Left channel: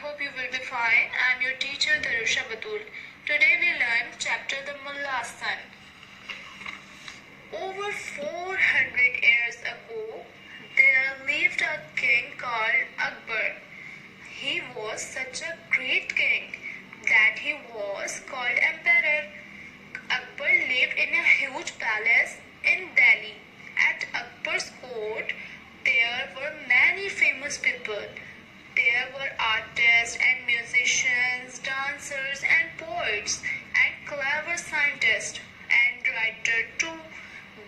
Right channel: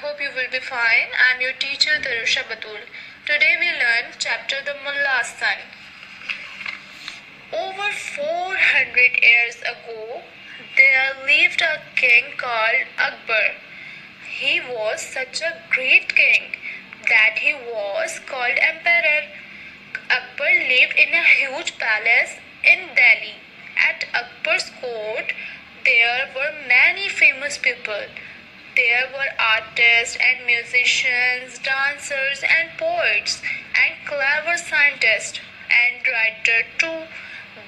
hope you will be fine. I'm your teacher Tarusha Batul. Today we learn chapter The Mulla's Son. Over 400 years ago, there lived a king called Akbar. He was such a great king that he was called emperor. Akbar lived in a huge palace in Delhi. At Akbar's court, there were many famous people. There were artists and musicians, dancers and poets, and clever scientists and writers too.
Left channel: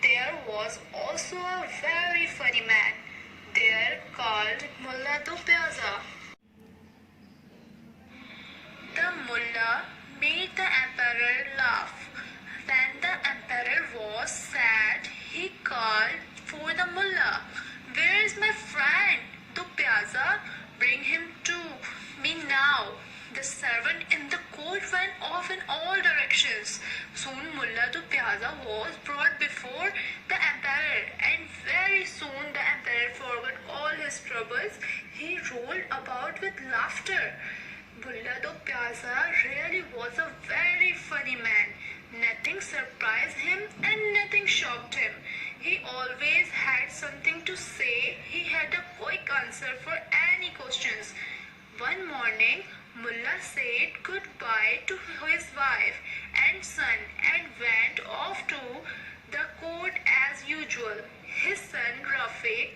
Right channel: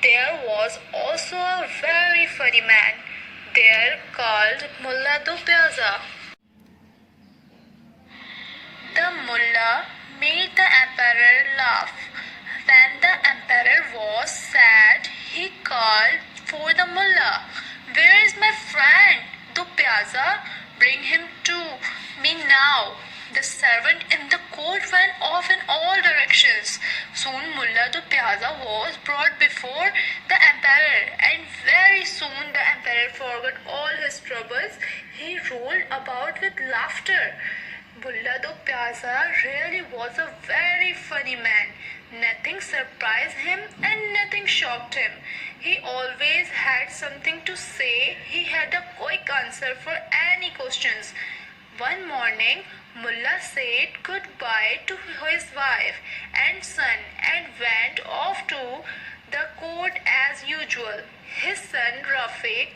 There was also a very funny man there called Mullah Do Pyaza. The mullah made the emperor laugh. When the emperor was sad, he called for the mullah. Where is my friend, Do Pyaza? Bring him to me now. The servant in the court went off in all directions. Soon Mullah Do Pyaza was brought before the emperor, and very soon the emperor forgot all his troubles. He rolled about with laughter. Mullah Do Pyaza really was a very funny man. Nothing surprised him and nothing shocked him. He always had something to say. He had a quick answer for any questions. One morning, Mullah said goodbye to his wife and son and went off to the court as usual. His son Rafiq,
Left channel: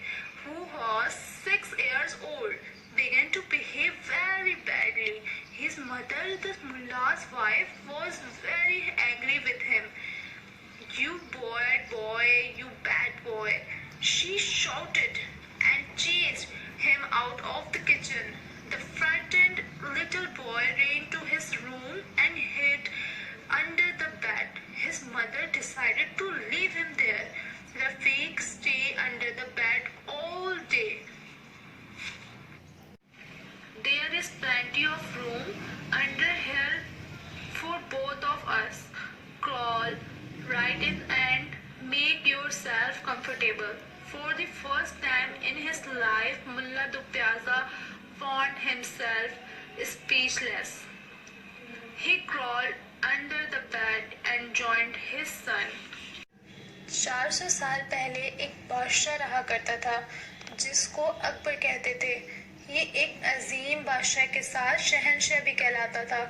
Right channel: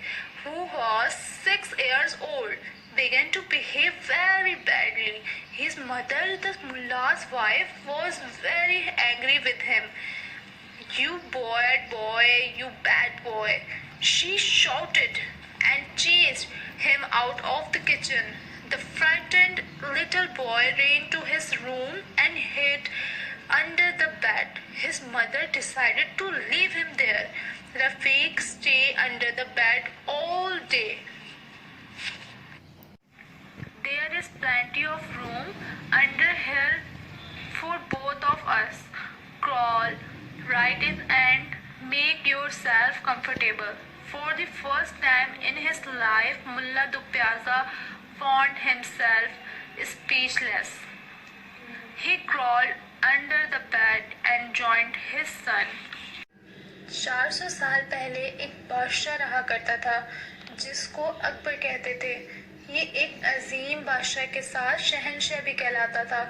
who was 6 years old, began to behave very badly. His mother, the mullah's wife, was very angry with him. You bad boy, you bad boy, she shouted and chased him out of the kitchen. The frightened little boy ran to his room and hid under the bed. His mother decided to leave him there. Rafiq stayed under the bed all day. There is plenty of room under here for both of us. Crawl right in and make yourself comfortable. For the first time in his life, Mullah Do Pyaza found himself speechless. He crawled under the bed and joined his son. 400 साल पहले एक बादशाह रहा करता था जिसको अकबर कहते थे. ये एक अजीम बादशाह के साथ शहंशाह भी कहलाता था.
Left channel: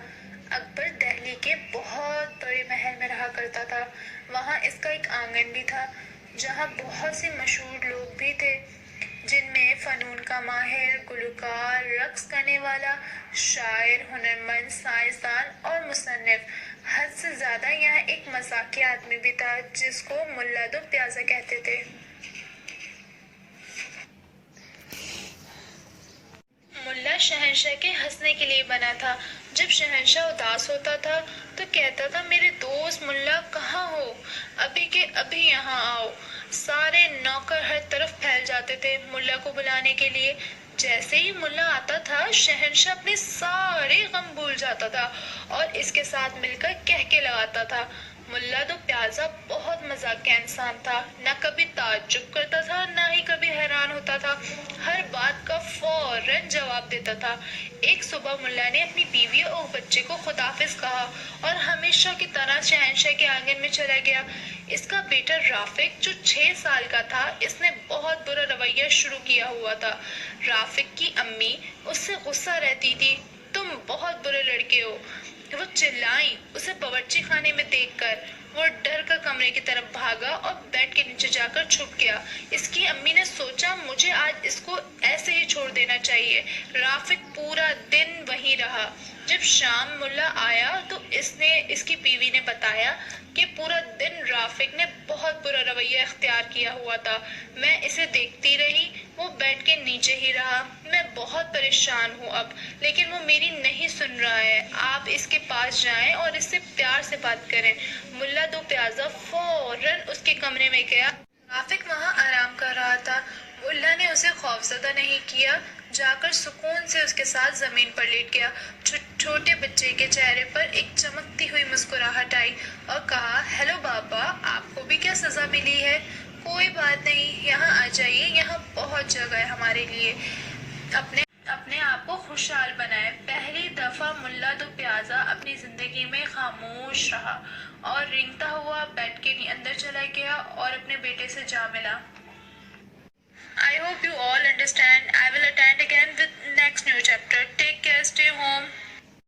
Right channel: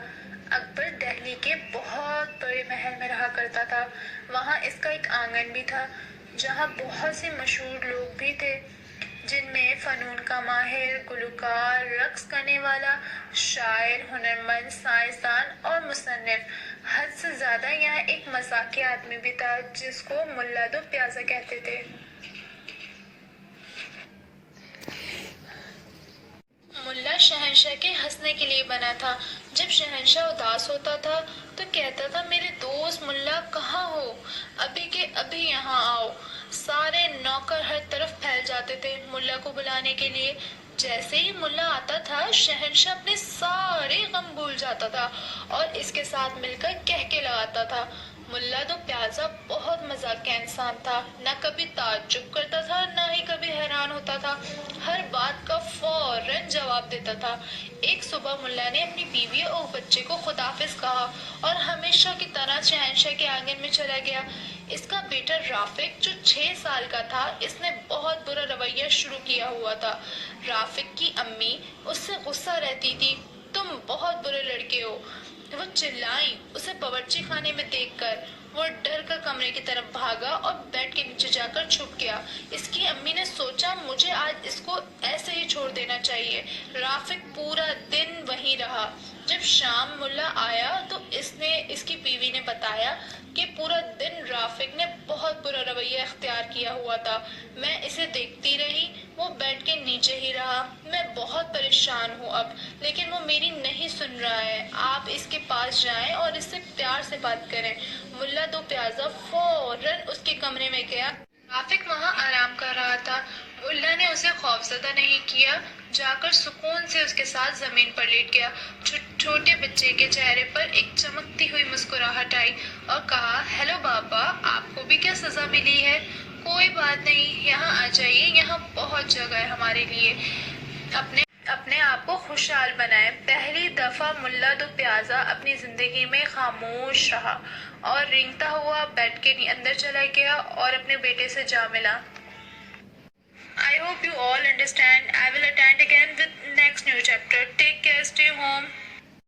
अकबर दिल्ली के बहुत बड़े महल में रहा करता था. वहाँ इसका एक आंगन भी था जहाँ बहुत से मशहूर लोग भी थे, जिनमें फ़नून का माहिर, गुलकार, रक्स करने वाला, शायर, हुनरमंद, साइंसदान और मुसन्निफ. हद से ज़्यादा यहाँ एक मज़ाकिया आदमी भी था जिसको मुल्ला दो प्याज़ा कहते थे. मुल्ला शहंशाह के हंसने के लिए बना था. जब शहंशाह उदास होता था तो कहता था, मेरे दोस्त मुल्ला कहाँ हो, अभी के अभी यहाँ आओ. सारे नौकर हर तरफ फैल जाते थे मुल्ला को बुलाने के लिए. जैसे ही मुल्ला आता था, शहंशाह अपने सारे गम भूल जाता था और इसके साथ मिलकर कहके लगाता था. मुल्ला दो प्याज़ा बहुत मजाकिया इंसान था. न कभी ताज्जुब करता था, न ही कभी हैरान होता था. हर बात का फौरन जवाब देता था. एक सुबह मुल्ला ने अपनी बीवी और बच्चे को खुदाफिज कहा और हमेशा की तरह शहंशाह के आंगन में चला गया. इसका बेटा राफिक जो 6 साल का था, इसने बहुत बुरा रवैया शुरू किया हुआ था. राफिक की अम्मी उससे गुस्सा रहती थी. तुम बहुत बुरे लड़के हो, वो चिल्लाई. उसे बावर्ची खाने में देखकर वो डर कर कमरे की तरफ भागा और बेड के नीचे जाकर छुप गया. इसकी अम्मी ने सोचा, मुझे आज इसको ऐसे ही छोड़ देना चाहिए. राफिक पूरा दिन वहीं रहा. जब शाम मुल्ला आया तो इसकी बीवी ने बताया कि पूरा दिन राफिक ने बहुत बुरा रवैया अख्तियार किया हुआ था. मैं इसे देखती रही, वो बेड के नीचे ही रहा. मैं बहुत परेशान हूँ अब, लेकिन वो मेरी नहीं सुन रहा है. आप इसके पास जाएं और इससे प्यार से बात करें. मुल्ला दो प्याज़ा फौरन उसके कमरे में गया. राफिक वहाँ आराम कर रहा था. मुल्ला ने उसे खौफजदा नहीं किया. जाकर सुकून से उसके साथ जमीन पर लेट गया. छोटे बच्चे के चेहरे पर एक चमकती हुई मुस्कुराहट आई और कहा, हेलो बाबा, आपको भी क्या सजा मिली है? कोई बात नहीं, यहाँ आ जाइए, यहाँ बहुत जगह है हमारे लिए. اپنے آپ کو خوشحال بنائیں۔ پہلی دفعہ ملا دو پیازا اپنی زندگی میں خاموش رہا اور رینگتا ہوا بیڈ کے اندر چلا گیا اور اپنے بیٹے سے جا ملا۔ I hope you all understand. I will attend again with next new chapter.